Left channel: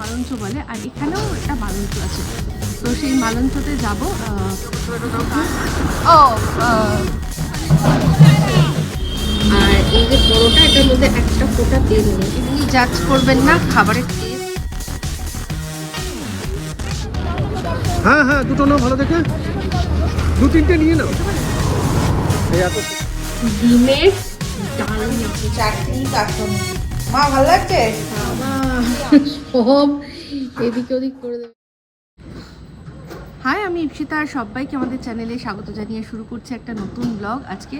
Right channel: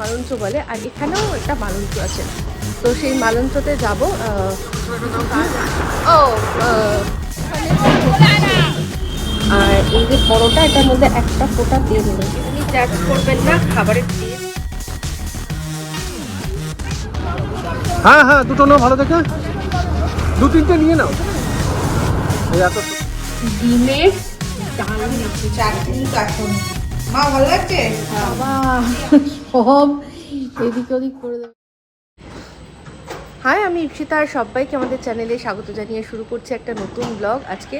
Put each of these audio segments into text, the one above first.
মালঞ্চ বলে আর এখানেও একটা মালঞ্চ আছে। তো সেই মালঞ্চতে যাব ও। আর এই যে পরোটা এটার মধ্যে একটা ফোঁটা তেল নেই এমনি জাজ করবেন না খাবারের টেস্ট হ্যাঁ হ্যাঁ দুটো নাও ভালো দেখে। দু তিনটে নিয়ে নাও। ডিমের চাটনি কাটুন মা ভালো লাগছে? বাবা। সব এদিকে ওদিক করে দেবে। হাই, আমি ইপসিতা আর সবাইকে আমাদের চ্যানেলে স্বাগত জানিয়ে শুরু করছি একটা নতুন ব্লগ। আজকে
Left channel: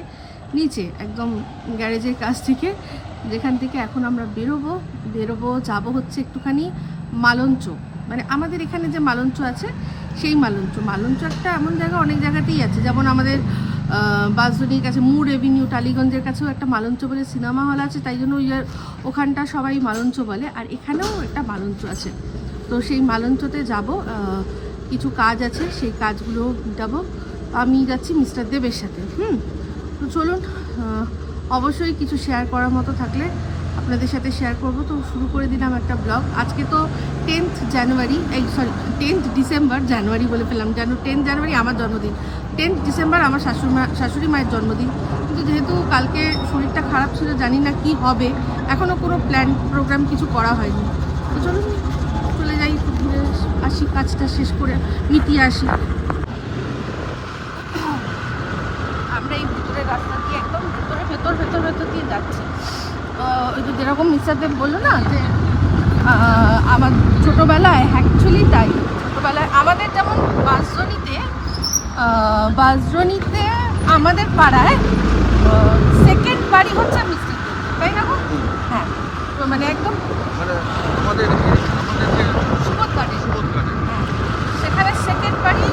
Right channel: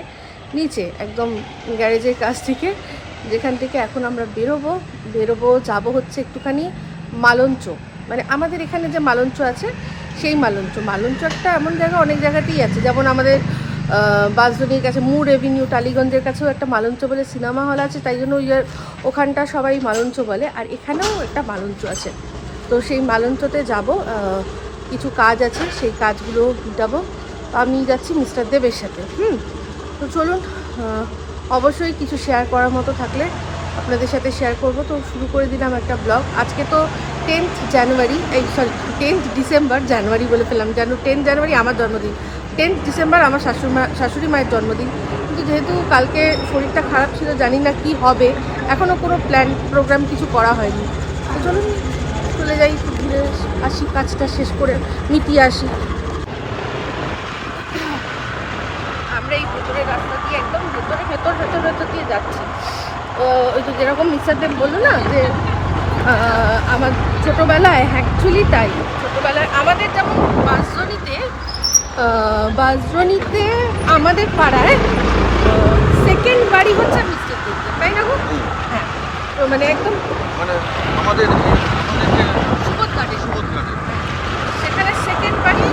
নিচে, একদম গ্যারেজের কাছ থেকে, যেখান থেকে এখন আমরা বেরোবো। বেরোবো, যাব হচ্ছে একটুখানি মালঞ্চ। মানে আমাদের এখানে যে মালঞ্চ আছে, সেই মালঞ্চ। মালঞ্চ একটা এমন জায়গা, অনেক জায়গাতেই আছে। যেমন আমাদের বাসজনির কাছে মুর এভিনিউ টালিগঞ্জের কাছেও একটা মালঞ্চ বলে সিনেমা হল আছে, তাই জন্য ওই আর ওখানটা সবাই মালঞ্চ বলে, আর এখানেও একটা মালঞ্চ আছে। তো সেই মালঞ্চতে যাব কিছু কাজ আছে, সেই কাজগুলো মিটাবো। আমি যাচ্ছি মিস্টার দেবের সাথে, হুম? তো চলুন অবশ্যই কিছু শেয়ার করার মতো থাকলে আপনাদের সাথে শেয়ার করব। তো শুরু করে দিলাম একটা ব্লগ আজকে তো টেন্থ জানুয়ারি এই সরি টেন্থ ডিসেম্বর জানুয়ারি বলে ফেলাম জানো টেন্থ জানুয়ারি আমার জন্মদিন। টেন্থ ডিসেম্বর আমার শাশুড়ি মা শাশুড়ি মায়ের জন্মদিন। কিন্তু যেহেতু কালকে শরীরটা খারাপ ছিল, জানি না কি হবে। এখনও কোনো প্ল্যান প্রোগ্রাম কিছু করা হয়নি। তো চলুন, চলে যাই ঘুরে আসি, কাজটা শেষ করে মিটিয়ে আসি। আমরা এই ভেতরের একদম ভেতরে, ভেতর দিয়ে যাচ্ছি। ওই তো যেরকম মিস্টারদেব বলল না, যে আমার ছোটোবেলায় অ্যাকচুয়ালি তাই। ছোটোবেলায় আমাদের যেমন বাসজনিতে বাসজনিতে আমাদের পাড়ায় সেকেন্ড বাড়ি হচ্ছে মিস্টার তাই না? হ্যাঁ তো মানে একদম কাটে সেখানে সেকেন্ড বাড়ি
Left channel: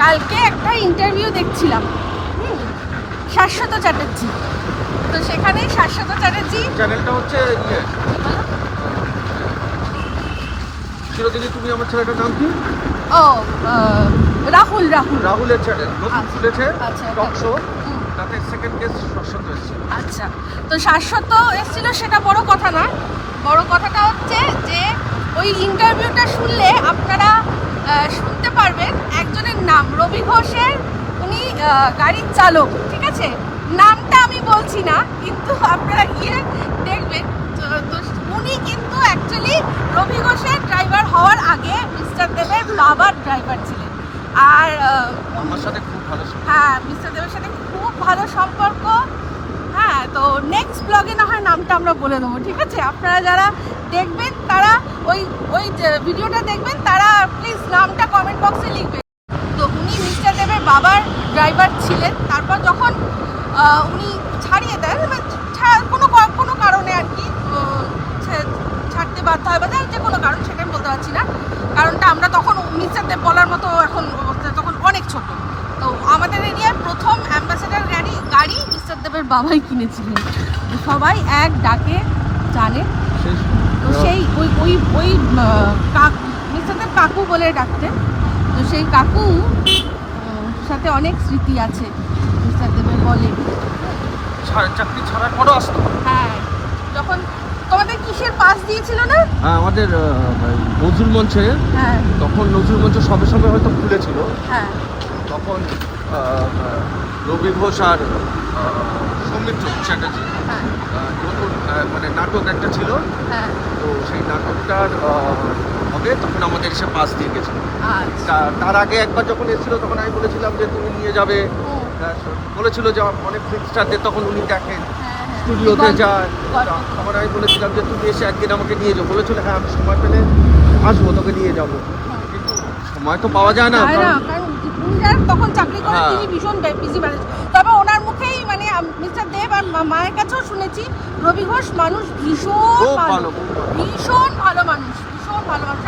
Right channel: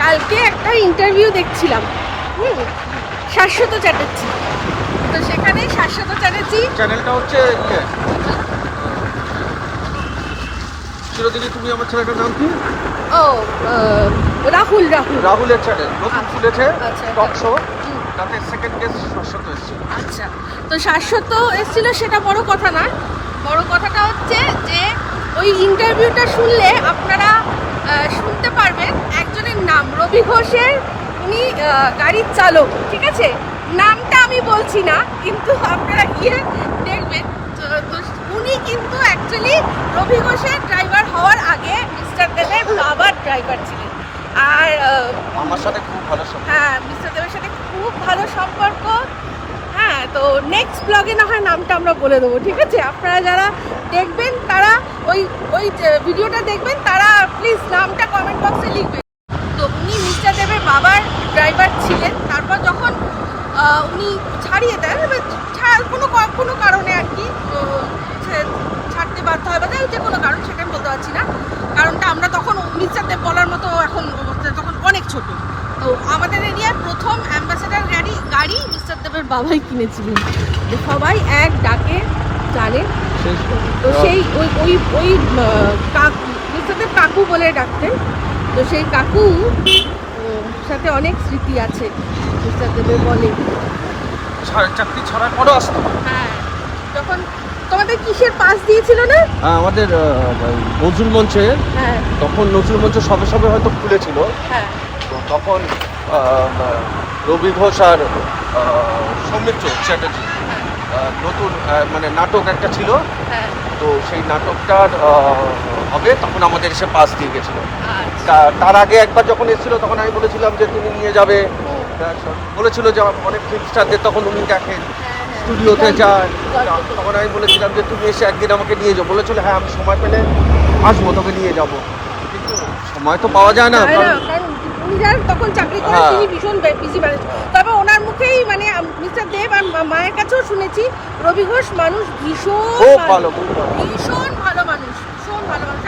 কালকে একটা ইন্টারভিউ দেখছিলাম। হুম শাশ্বত চ্যাটার্জি। তো সেখানে শাশ্বত চ্যাটার্জি চ্যানেলটা হচ্ছে চিরদিনই তুমি আমার চ্যানেলটার নাম কি ও রাহুল রাহুল রাহুলের নতুন আচ্ছা। আচ্ছা। তাতে সেকেন্ড গেস্ট শস্য আচ্ছা তো শাশ্বত এসেছিল সেটা বড় কথা না বড় কথাটা হচ্ছে যে ওই ইন্টারভিউটা শুনলে আপনারা শুনতে পারবেন একজনের নাম রবি ঘোষের উনি গাড়ির চালক ঠিক আছে নামটা আমি বলছি না কিন্তু আপনারা গিয়ে দেখবেন তো- তো উনি কিন্তু অ্যাকচুয়ালি রবি ঘোষের ড্রাইভার হওয়ার আগে মিস্টার দেবের বাবার ড্রাইভার ছিলেন আর আমার সাথে খুব ভালো হ্যাঁ মিস্টার দেবের সাথে খুব ভালো সম্পর্ক। হ্যাঁ তো নেক্সট ব্লগে না হয় নামটা আমরা বলে দেবো ঠিক আছে? আপনারা যারা দেখবেন তারা ওই ওই ভিডিওটা দেখবেন তারা প্লিজ নামটা কমেন্ট বক্সে লিখবেন। তো উনি মিস্টার দেবের বাবার ড্রাইভার ছিলেন। তারপর যখন উনি ছাড়িয়ে দেন কোনো কোনো কারণে আর কি ছাড়তে বাধ্য হয় বা যে কোনো কারণ সেটা আমি বলতে পারছি না কারণটা আমরা তখন মিস্টার দেব বলার মতো এখন অবস্থা তখন অনেক ছোট। তো আমাদের এরিয়ার প্রথম অ্যাম্বাসেডার গাড়ি গাড়ি মিস্টার দেবের বাবাই কিনেছিলেন। তো সবাই এক ডাকে জানে। তো সেই ওই ওই ওই কাকু মিস্টার দেব কাকু বলে ডাকতেন। তো সেই কাকু সাথে অনেক স্মৃতি আছে। মিস্টার দেবের বলে। চাকরি ছাড়ার পরও আসতো তোমাদের কিসের পাস দিয়েছিল না? হ্যাঁ, আমাদের নজরুল মঞ্চে। হ্যাঁ। তখন নজরুল মঞ্চ সবে সবে হয়তো খুলেছিল। হ্যাঁ। তো তখন রবি ঘোষ আর সৌমিত্র চ্যাটার্জি হ্যাঁ। নতুন মানে নাটক একটা ছিল। তো সেই নাটকটার হবে তখন আমাদের এসে পাস দিয়ে গেছিল। আচ্ছা। তার আগে একবার যখন এসেছিল তখন আমি বলেছিলাম যে তুমি নিয়ে যাবে। বলেছিল যে অনেক ফিল্ম স্টারদের তখন উনি দেখেন। স্টুডিওতে যায়। তখন আমি বলেছিলাম যে তুমি এসে একদিন আমাকে নিয়ে যাও বলেছিল হ্যাঁ আমি সময় পেলে আসব তোকে নিয়ে যাব। সময় তো পাওয়া যায় না তখন চাকরি করে হ্যাঁ। তিনি ভীষণ বিজি ম্যানেজ তবে ওনার মুখেই মানে মিস্টার দেব আর মায়ের কাছেও শুনেছি রবি ঘোষ মানুষ ভীষণ ভালো। ভীষণ ভালো মানুষ ভীষণ ভালো মানুষ।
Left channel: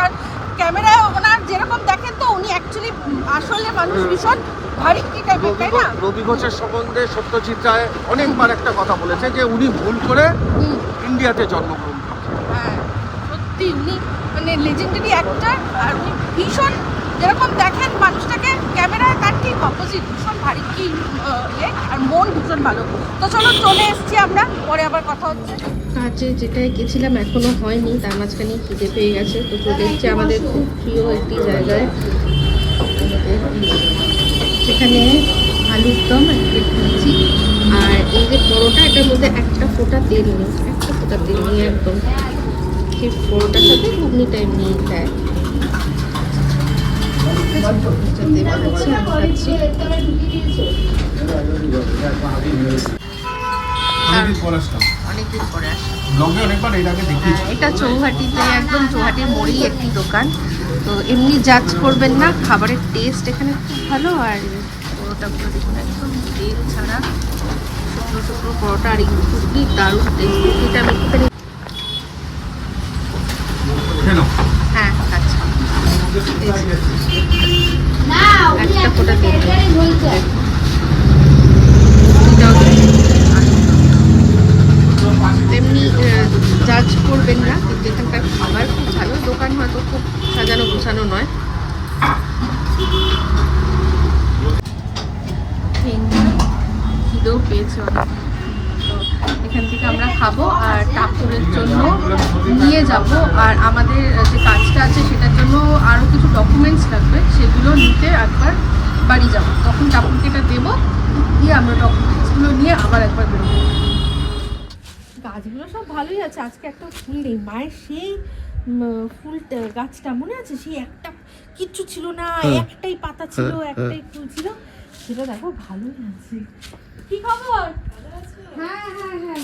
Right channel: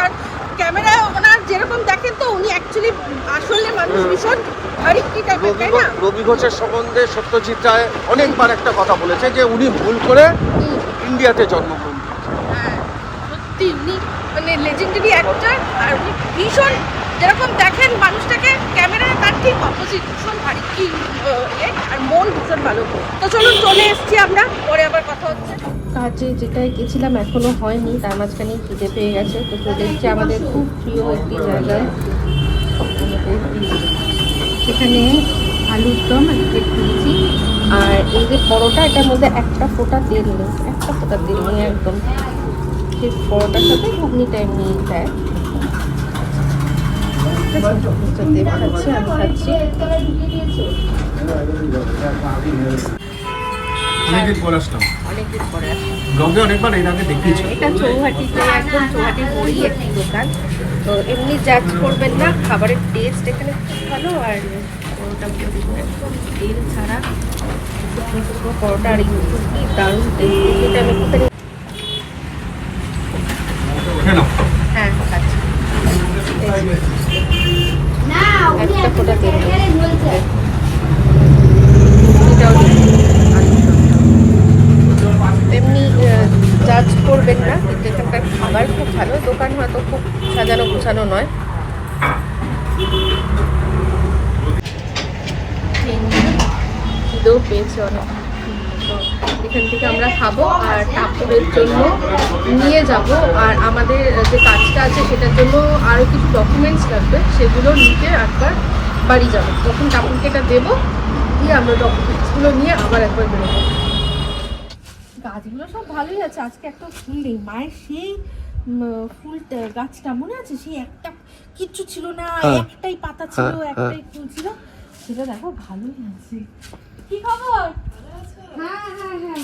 ক্যামেরায় ওনার যেরকম দেখেন তো উনি অ্যাকচুয়ালি আসলে মানুষ ভীষণ ভীষণ কি টাইপের তাই না? রবি ঘোষের সম্বন্ধে সত্যজিৎ রায় অনেকবার একটা কথা বলেছে যে উনি ভুল করে ইন্ডিয়াতে জন্মগ্রহণ করেন হ্যাঁ সত্যি উনি মানে লেজেন্ডারি অ্যাক্টর আর ভীষণ যেরকম দেখেন মানুষটাকে ক্যামেরার তার ঠিক অপোজিট ভীষণ ভারী কি ইয়ে, আর মন ভীষণ ভালো। তো চলুন চলে এসেছি আমরা পরে আবার কথা হচ্ছে। কাজে যেটাই গেছিলাম এখনও হয়নি তার মাঝখানে খিদে পেয়ে গেছে তো চলে এসেছি আমাদের খুব প্রিয় একটি জায়গায়। সেখানে আলুর দম এক প্লেট নিয়েছি আর এই যে পরোটা এটার মধ্যে একটা ফোঁটা তেল নেই একটা ফোঁটা তেল নেই একদম। সেই পরোটার সাথে ঘুগনি টাইম নিয়ে দেয় তো দেব খাচ্ছি আমি খাচ্ছি অনেকদিন পর আসলাম। হ্যাঁ, এটা চৌহাটিতে একদম চৌহাটির মোড়েই একটি দোকান। তো এমনি জাজ করবেন না খাবারের টেস্ট এখানে খুব ভালো আর পরোটাগুলো দেখুন একদম তেল ছাড়া। শুকনো শুকনো পরোটা আর রুটি দারুণ টেস্ট এটা আমি একটুখানি হ্যাঁ খাচ্ছি। দমটাও তেমনি জাজ করবেন না, কিন্তু এখানকার খাবার খুব ভালো। দোকান হয়তো খুব সাজানো গোছানো নয়। খিদেও পেয়েছে তো এখান থেকে আমরা খাব আর টাপুরের জন্য নিয়ে যাব। আর আমাদের যে কাজটা আছে, সেটার জন্য আরও কিছু ডকুমেন্টস লাগবে, সেগুলো নিতে একবার বাড়ি যাব। তখন টাপুরকে এটা দেবো দিয়ে আমরা ডকুমেন্টসগুলো নিয়ে আবার একবার বেরোবো। গাছগুলো সব ভালোই আছে আজকে একটা ফুল নেই মায়ের সেই ফুলটা গাছটা মনে আছে? সেই একটা কিচ্ছু ছিল না হ্যাঁ। একটাই পাতা ছিল হ্যাঁ, একটাই ফুল ছিল। সেটা দেখো ভালোই আছে। কি খবর? হ্যাঁ হ্যাঁ হ্যাঁ।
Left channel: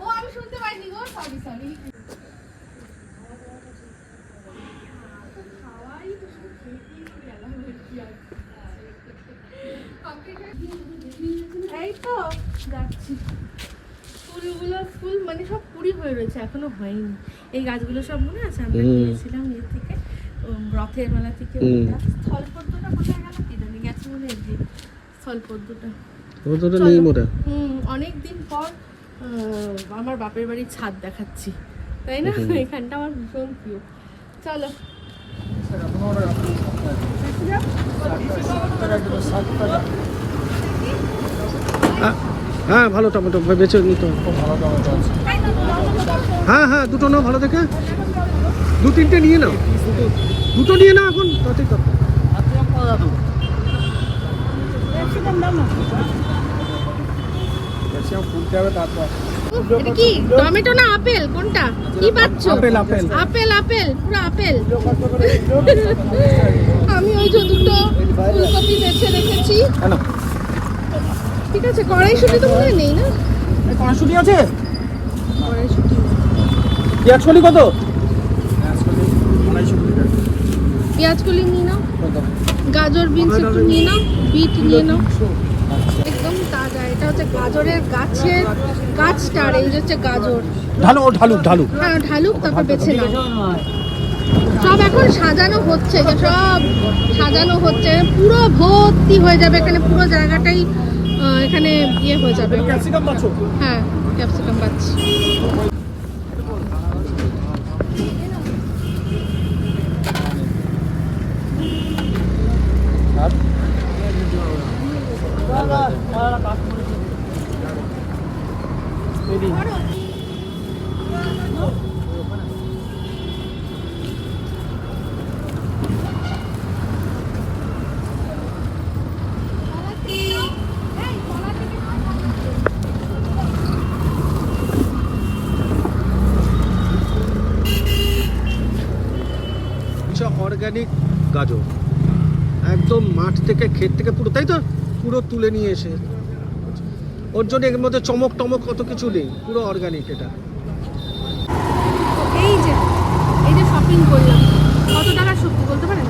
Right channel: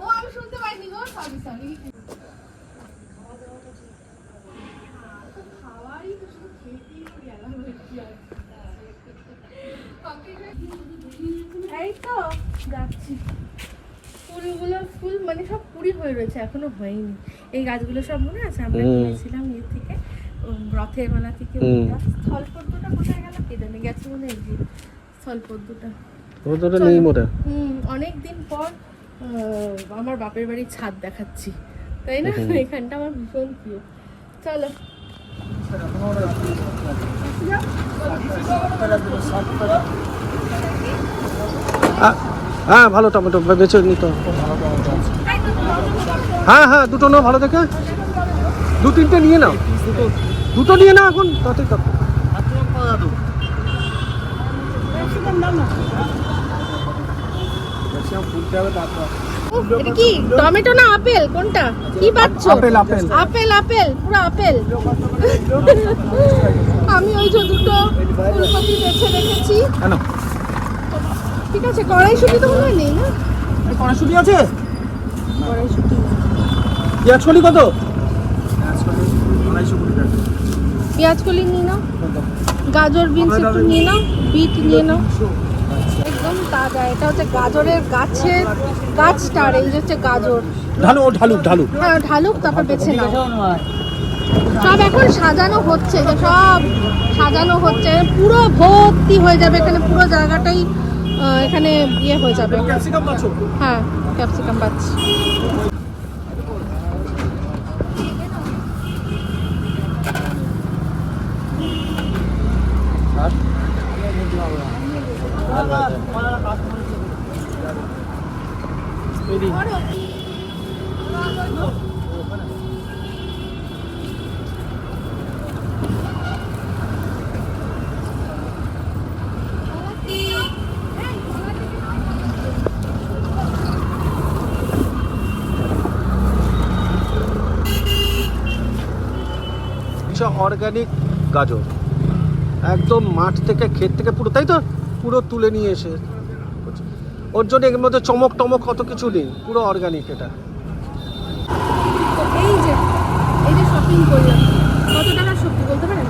ও আমি শুনতে পাইনি গো। সরি সরি এই তো যাচ্ছি। ফুলগুলো ফুল মানে সব কুড়ি হয়ে রয়েছে এখনও হয়নি। এই গাছগুলো সব মনে আছে? আমরা। কিনেছিলাম ইয়ে থেকে রথের মেলা থেকে। স্থলপদ্মটা কোথায় গেল কে জানে গেছে মনে হয় যে স্থলপদ্মটা। ও তো নেই মোটা। হুম অনেক দিন পর আমার বাপের বাড়ির ছাদ দেখাচ্ছি। তাই না? এখানটা আমার ভীষণ প্রিয়। চলো। হ্যাঁ ভালো টমেটো বেছে নিতে হবে। হ্যাঁ হ্যাঁ দুটো নাও ভালো দেখে। দু তিনটে নিয়ে নাও। দুটো নিয়ে নাও এখন তাতেই তো। এটা কি? টমেটো না আপেল? কোনটা? কি পাচ্ছ? Apple, apple. আপেল আপেল পুরো আপেল। আমি ওই যে দুটো ফুলকপি বেছে রেখেছি। ঠিক আছে কড়াইশুটি তো মনে নেই না? কড়াশুটি আছে? কড়াইশুটি পেঁয়াজ কলি কত? পেঁয়াজ কলি নিয়ে নাও। গাজর বিনস একটু নিয়ে নাও বিট নিয়ে নাও। একদম তাজা এটা হচ্ছে গাজরের গাছের গাছটার এই যে হচ্ছে গাজর। ঢালু ও ঢালুক ঢালুক। হ্যাঁ ঢালুক তারপর বেছে নাও। সব এখন সাজানো হচ্ছে যে সব সাজানো হচ্ছে পুরো ভর্তি হয়ে যাবে এখানে পুরো জায়গাটাই এখানে ইয়ে হয়ে যাবে হ্যাঁ ক্যাপসিকাম পাচ্ছি। অর্গানিক গাজর। একদম মাঠ থেকে ক্ষেত থেকে পুরো তাই তো? পুরো তুলে নিয়ে এসে। ওর জন্য এর মধ্যে চমক টমক কত কিছু নেই পুরো অর্গানিক এটা। এই যে এই যে শপিং করলাম কত টাকার সবজি বলতে পারেন?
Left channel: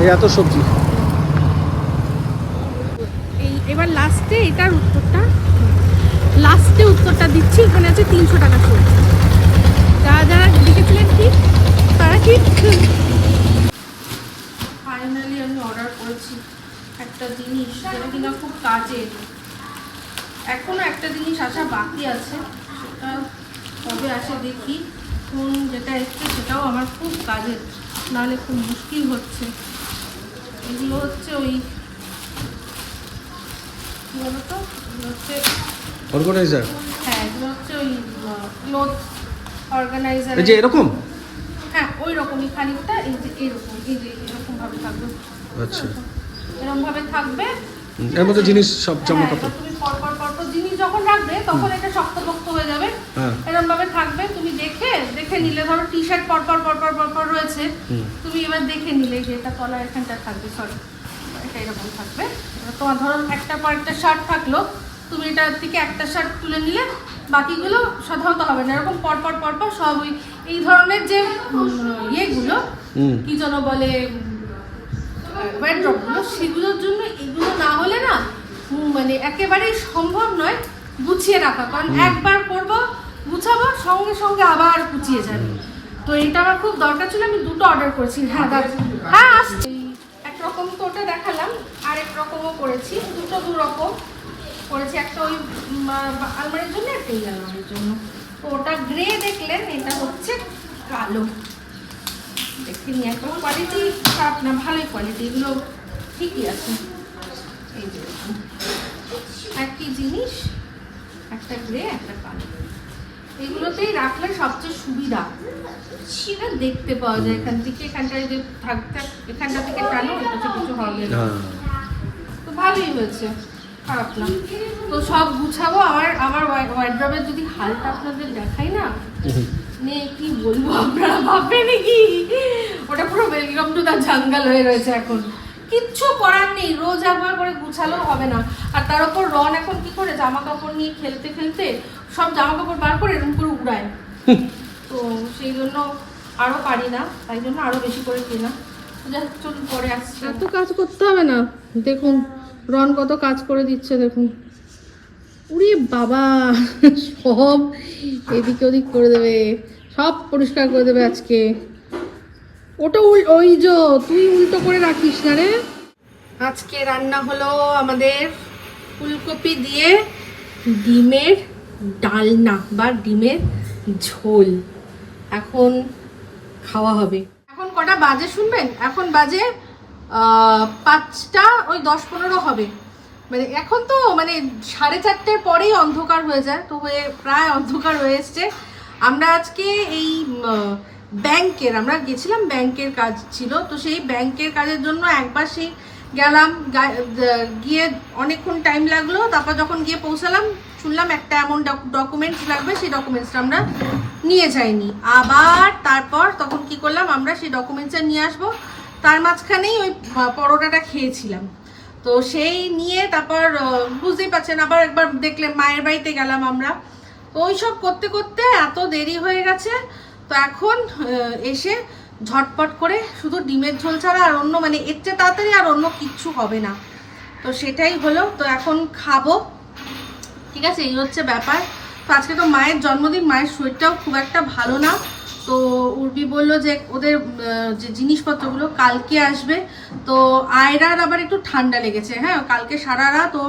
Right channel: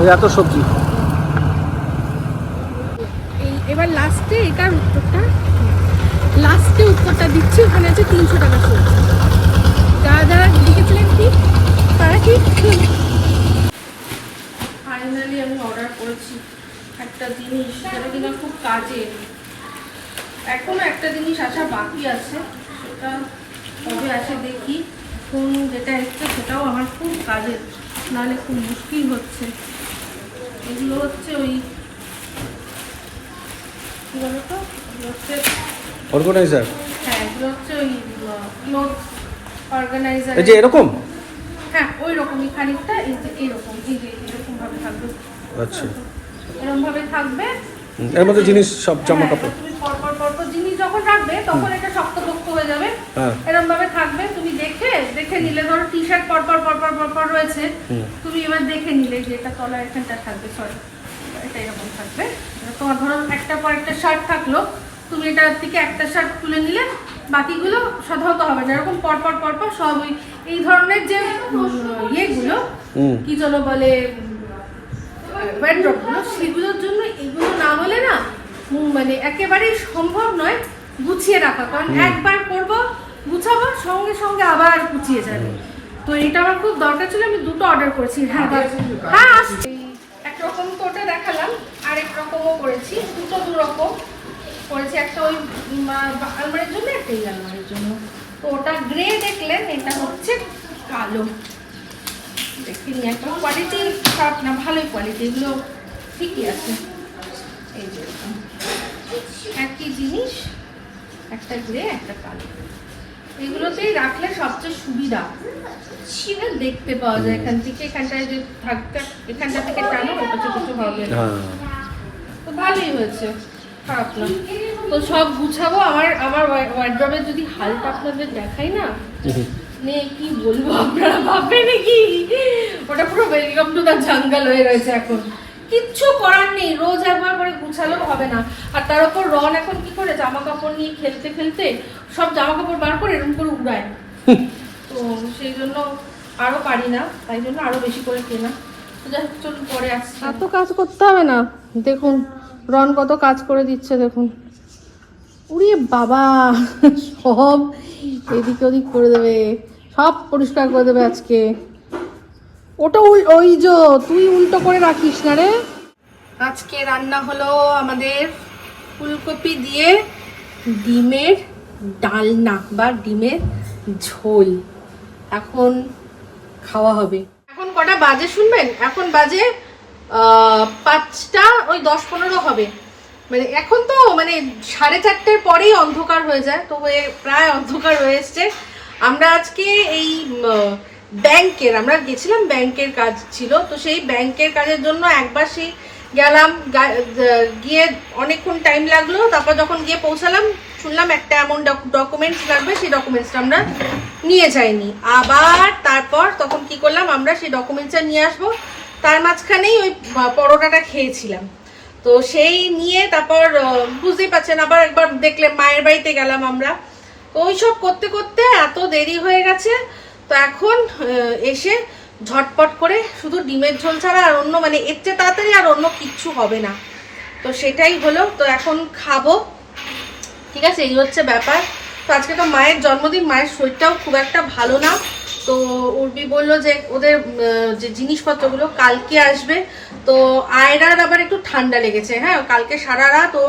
এই এত সবজি। এই এবার লাস্টে এটার উত্তরটা। লাস্টে উত্তরটা দিচ্ছি ওখানে আছে তিনশো টাকা সবজি। যারা যারা লিখেছিলেন ঠিক তারা ঠিক ফাইনালি আমি অর্ডার করেছি একটা জিনিস যেটা কিনা খুব কাজে। এখনও একটা জিনিস আসা বাকি আছে সেটা কবে আসে দেখি। এখন যেটা এসছে সেটাও আমার খুব কাজের নাহলে খুব মুশকিল হচ্ছে। এগুলো হচ্ছে ওই কী বলতো? এগুলো হচ্ছে অর্গানাইজার হ্যাঁ এগুলো হচ্ছে ওই ক্লোথ অর্গানাইজার এই যে এরকম? হ্যাঁ ওই রকমই খানিকটা এই যে এইরকম এই যে এরকম ভাবে থাকবে। আচ্ছা। থাকবে? এর মধ্যে জিনিস সব জামা হ্যাঁ, কাপড়। তুমি পরপর পরপর জিনিস যখন রাখবে তখন এটা শক্তপোক্ত হয়ে যাবে। এরকম ভাবে থাকবে তুমি দেখে দেখে নিলে ধরো টি শার্ট পরপর পরপর পরপর রয়েছে। তুমি এবার দেখে নিলে যে এটা তলা এখানটা থাকবে সরি এটা এরকম থাকবে। তোমার ধরো একটা পর একটা শার্ট থাকল তুমি এটার থেকে একটা শার্ট তুলে নিলে বাকিগুলো সাধারণত হবে না। এরকম পরপর পরপর সব ওই এই ধরনের যে ইয়েগুলো কি যেন বলে ওয়ার্ড্রপগুলো সেগুলোর জন্য এগুলো না হলে না মানে একেবারেই সম্ভব নয় গুছিয়ে রাখা। কারণ একবার করব গুছাবো সঙ্গে সঙ্গে আবার গুছিয়ে যাবে। তো এটা আমার খুব দরকার ছিল আমি দুটো অর্ডার করেছি। হ্যাঁ হ্যাঁ আসছে। একরকম তো ওটা দেখালাম আরেক রকমও করেছি। দুটো দু রকম করেছি। একটা ওই আলমারির জন্য একটা এই আলমারির জন্য। তো ওটা গ্রে দেখলেন এটা হচ্ছে কালো। দেখিনি একদম কোয়ালিটি খারাপ না ভালোই কোয়ালিটি এগুলো ঠিকই আছে। এই যে একই জিনিস একটা গ্রে একটা কালো এগুলোতেই রাখলে সবচেয়ে সুবিধা। সেটা দেখতে পাওয়া যায় এখান থেকে এখানটায় যে থাকতে এখানটা থেকে টানো কিছু কিছু হবে না। হ্যাঁ। তো ভালোই হয়েছে খারাপ না। তো সব গুছাবো আমার আমার ওয়ার্ড্রবের যদি হালটা আপনাদের দেখাই না হুম। কি বলব? আপনারা ভাববে নাকি? ওটা পুরো ওয়েলকাম টু দা জঙ্গল হয়ে রয়েছে এখন। কিচ্ছু করার নেই, রোজ একবার করে গুছালেও হবে না। আর তার উপর রন এখন কি করে জামা কাপড় নিয়ে খেলতে খেলতে সব জামা কাপড় বার করে এরকম করে উড়ায়? তো সেই জন্য আরও পারি না, তাই জন্য আরও বেশি করে কেনা। যাই হোক, চলুন পরে আসছি। এত কাজ করতে হবে না। দেখুন, রন কত কাজ করে দিচ্ছে, দেখুন। উড়িয়ে বাবা, সব এদিকে ওদিক করে দেবে, সব পরিষ্কার করে দেবে আজকে। ওটা উল ওই যে, তুই উল্টো করে রাখিস না রে। আজকে রান্না হলো আমাদের ফুলকপি দিয়ে ডিমের ডালনা বা ডিমের ঝোল। এখন খাওয়া হবে। এখন কটা বাজে শুনবেন? এখন বাজে পাঁচটা, ওই দশ পনেরো হবে। মানে এখন তো মানে সাড়ে চারটের পরেই অন্ধকার হয়ে যায়, তো হয়ে প্রায় অন্ধকার হয়ে এসছে। আমরা আজকে এই ব্যাংকের, আমরা গেছিলাম ব্যাংকের কাজ ছিল, তো সেই ব্যাংকের কাজের জন্য একবার সেই গেলাম গিয়ে অনেকক্ষণ টাইম লাগল, তারপর যখন গিয়ে পৌঁছালাম, শুনলাম একটা এমন ডকুমেন্টস লাগবে, সেই ডকুমেন্টসটা আমরা নিয়ে যাইনি। আবার তারপর তখন কি করলাম, আমরা সেই ডকুমেন্টসটা নিয়ে আসব, তার মাঝখানেই ওই পরোটাটা খেয়েছিলাম। তো সেই নিয়ে তারপর বুঝতেই পারছেন, আবার একবার দেখলে মায়ের বাড়িতে গেলাম আমরা। তো ওই সব করতে করতে এত দেরি হয়ে গেছে, তো এখন এসে ঝটপট করে শুধু ডিমের ঝোল ছাড়া আর অন্য মানে এর চেয়ে তাড়াতাড়ি আর অন্য কিচ্ছু হবে না। তো সেটাই হলো, তো এখন খাব। ঠিক আছে, এই হচ্ছে ব্যাপার। তো আজকে তো মায়ের জন্মদিন, মায়ের শরীরটাও খুব একটা ভালো না। তো উর্বি বলল যে ওদের যে জিনিসপত্রগুলো কালকে আসবে। তো আয়রার আবার একটু ঠান্ডা লেগেছে হ্যাঁ? কালকে সারা রাত ও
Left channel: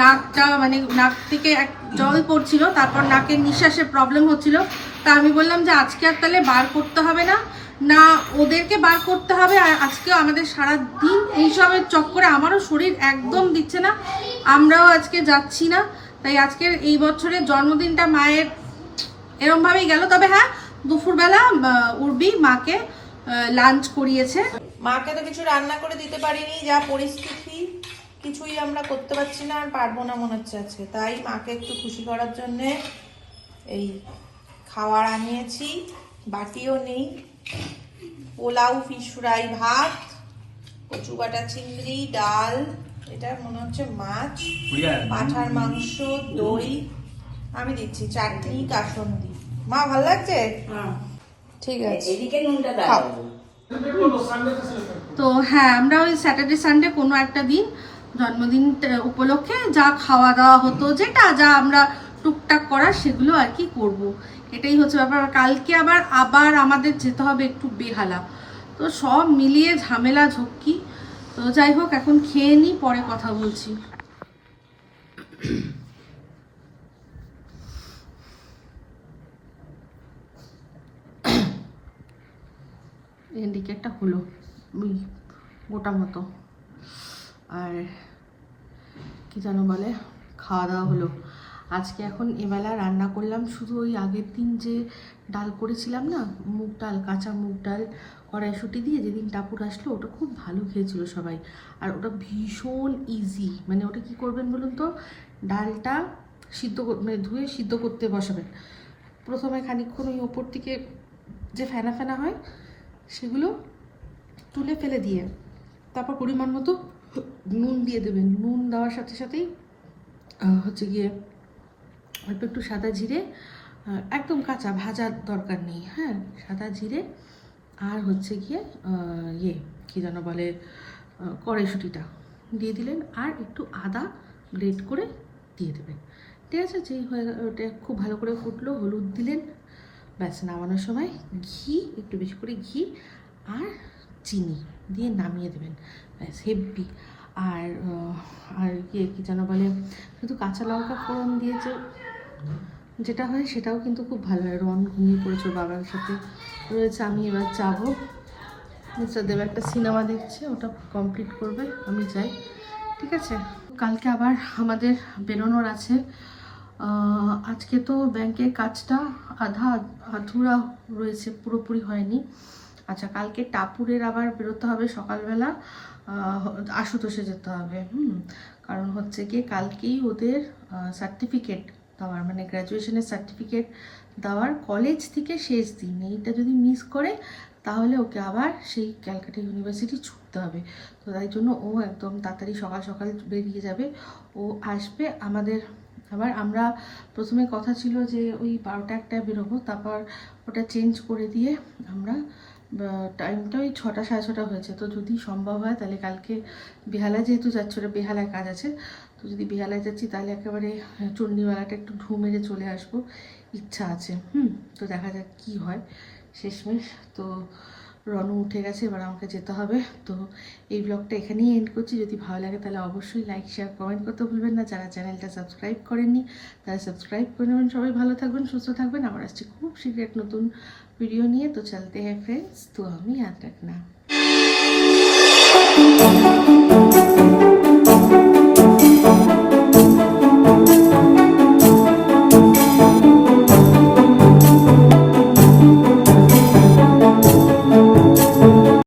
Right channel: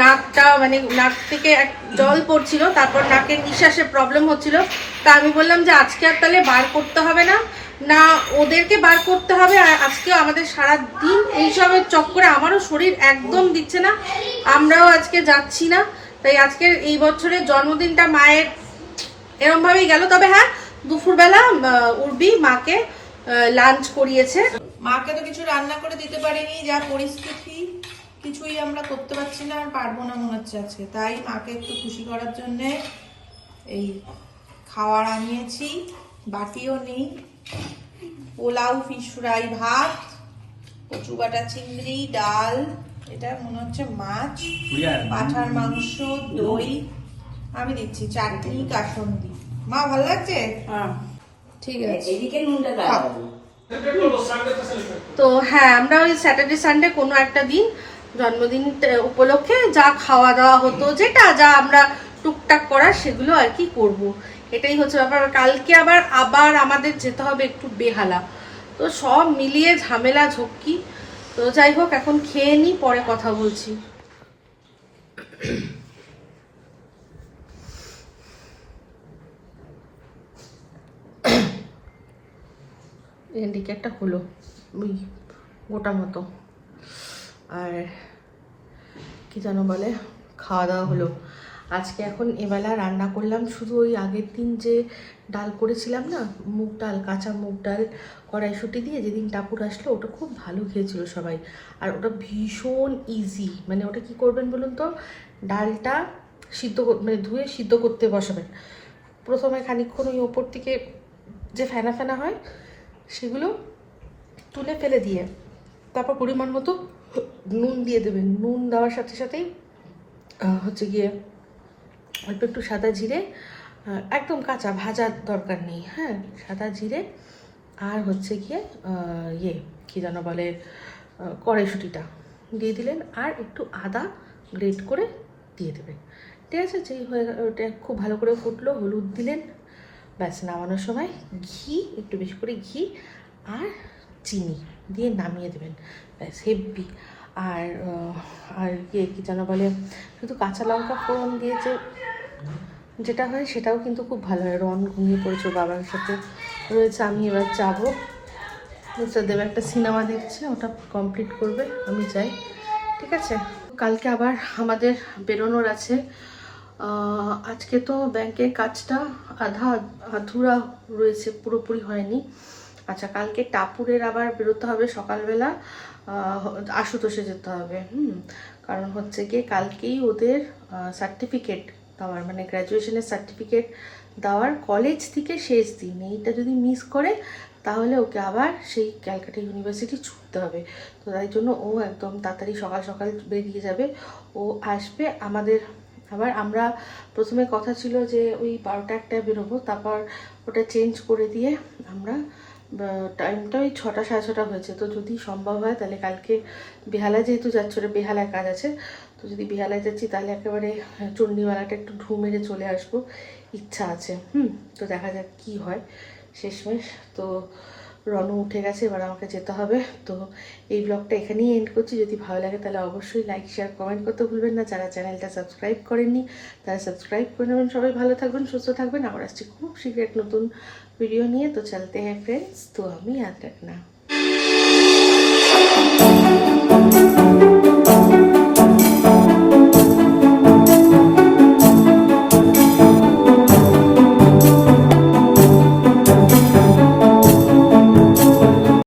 নাকটা মানে নাক থেকে এক জল পড়ছিল, তারপর নাকের নিঃশ্বাসে প্রবলেম হচ্ছিল। তা আমি বললাম যে আজকে আর তাহলে বার করতে হবে না। না, ওদেরকে বার করতে হবে, আর আজকেও আমাদের সারা দিন এইসবের চক্করে আমারও শরীর একদম দিচ্ছে না। আমরাও আজকে যাচ্ছি না। তাই আজকের এই বছরের জন্মদিনটা মায়ের এরমভাবেই গেল। তবে হ্যাঁ দুপুরবেলা উর্বি মাকে লাঞ্চ করিয়েছে। মাকে তো কিছু রান্না করে দিতে পারিনি যা পরিস্থিতি কিছুই আমরা করতে পারছি না আর পারব না মনে হচ্ছে আজকে। তাই মাকে একটু খুশি করার জন্যে এই খাওয়ার আনিয়েছি বাটিও নেই পোলাও ফিশ ফ্রাই ভাত কচু বাটা চিংড়ি ডাল এটা মনে হচ্ছে মাছ পাঠার মাংস দই আমি দিচ্ছি চাটনি কাসন্দি। মা ভালো লাগছে? ঠিক আছে। তো হ্যাঁ আমরা ওই স্যাটারডে সানডে কোনো একটা দিন জন্মদিন উপলক্ষে যা খাওয়া দাওয়া হতো যেটা যা আমরা টুকটাক করা সেগুলো আর কি করব। এটাই হচ্ছে ব্যাপার। কালকে আবার আবার আমাদের যেতে হবে একটু বেহালা। তো সব মিলিয়ে ঝামেলা ঝক্কি। তো যাই হোক এখন খেয়ে নিই পরে কথা বলছি। এদিকে একটা হলো, ওই গোটা মতো। আর কি যেন বলে, খাওয়া দাওয়া হলো। আজকে এখন এবেলা রান্না করলাম, শুধু ওই আগের দিন যে ডাল করেছিলাম না, মুগ ডাল, কাঁচা মুগ ডাল কড়াইশুটি দিয়ে যেদিন টাপুর আসলো, ওটা খুব ভালো খেয়েছিল সবাই। আর ওটা ভীষণ ইজি মানে ওটা কি করবেন বলুন তো? ডালটা সিদ্ধ মানে ধুয়ে সিদ্ধ করতে বসাবেন। প্রথমে খানিকক্ষণ ওই ওপর থেকে যে ফেনা ফেনা হয় সেগুলো তুলে ফেলে দিয়ে তারপর পরিমাণ মতো নুন দিয়ে দেবেন নুন দেওয়ার সাথে সাথেই হচ্ছে গিয়ে অল্প একটু সাদা জিরে একদম কাঁচা ভাজার দরকার নেই হ্যাঁ? সাদা জিরে আর হচ্ছে গিয়ে ইয়ে কী যেন বলে কড়াইশুঁটিটা দিয়ে দিলেন আর একটু আদা গ্রেট করে দিয়ে দেবেন। ঠিক আছে? যেই হয়ে ওটা খুব ভালো করে ফুটলো, হলুদ দিলেন ব্যাস, নামানোর সময় ঘি, একটু বেশি করে ঘি আর চিনি দিয়ে নামিয়ে দেবেন। ব্যাস, হেব্বি। আর আর ইয়ে কী যেন বলে, শুধু কাঁচা লঙ্কা ফোড়ন দিয়েছে যেটা হয় সেটাও কিন্তু খুব ভালো হয়। রন ঘুমিয়ে পড়েছে বাবার সাথে রয়েছে, আমি এবার যাব। মিস্টার দেব একটা সিনেমা দেখছে, ওটা কমপ্লিট করবে, আমি যাই, ঠিক আছে? কালকে আবার আমাদের বেরোনোর আছে। আজকে তো ব্যাংকের কাজটা আধা আধুরা রয়েছে, পুরোপুরি হয়নি। আচ্ছা কালকে টাপুরের আবার বেরোতে হবে সকালবেলা। আশুতোষে যেতে হবে, হুম। কারণ হচ্ছে গিয়ে কালকেই ওদের সার্টিফিকেট দেওয়ার মানে গ্র্যাজুয়েশনের সার্টিফিকেট দেওয়ার কলেজ থেকে শেষ দিন। এইটা যদি মিস করে, তাহলে ওকে আবার সেই ক্যালকাটা ইউনিভার্সিটি ছুটতে হবে। তো তাই জন্য ও একদম তাড়াতাড়ি সকাল সকাল বেরিয়ে যাবে। ও আসবে আমাদের আবার আমরা প্রথমে কথা ছিল যে ওই বারোটা একটায় বেরোবো, তারপর ওটা চেঞ্জ করে দিয়ে আমরা টাইমটা ওই ছটা সাড়ে ছটা হয়েছে। তো যদি সম্ভব হয় তাহলে কালকে বেহালায় যেহেতু যাচ্ছি, ওটা বেহালায় কাজ আছে, তো যদি বেহালায় যাচ্ছি তাহলে একেবারে চণ্ডীমালাটা একটু ঢু মেরে চলে আসব। ইচ্ছা আছে, হুম, তো দেখা যাক কী হয় শেষমেশ। তো রনু উঠে গেছে, এবার আমাকে যেতে হবে। তো এই ব্লগটা এখানেই এন্ড করছি। যদি ভালো লাগে তাহলে অবশ্যই লাইক শেয়ার কমেন্ট করতে ভুলবেন না। যারা চ্যানেলটা সাবস্ক্রাইব করেননি, তারা সাবস্ক্রাইব করে নেবেন। সবাই ভালো থাকবেন, সুস্থ থাকবেন। আমার আসছে খুব শীঘ্র এক নতুন ভিডিও নিয়ে। তো চলতে হ্যাঁ ফ্রেন্ডস তো আমি ইয়াদ রাখনা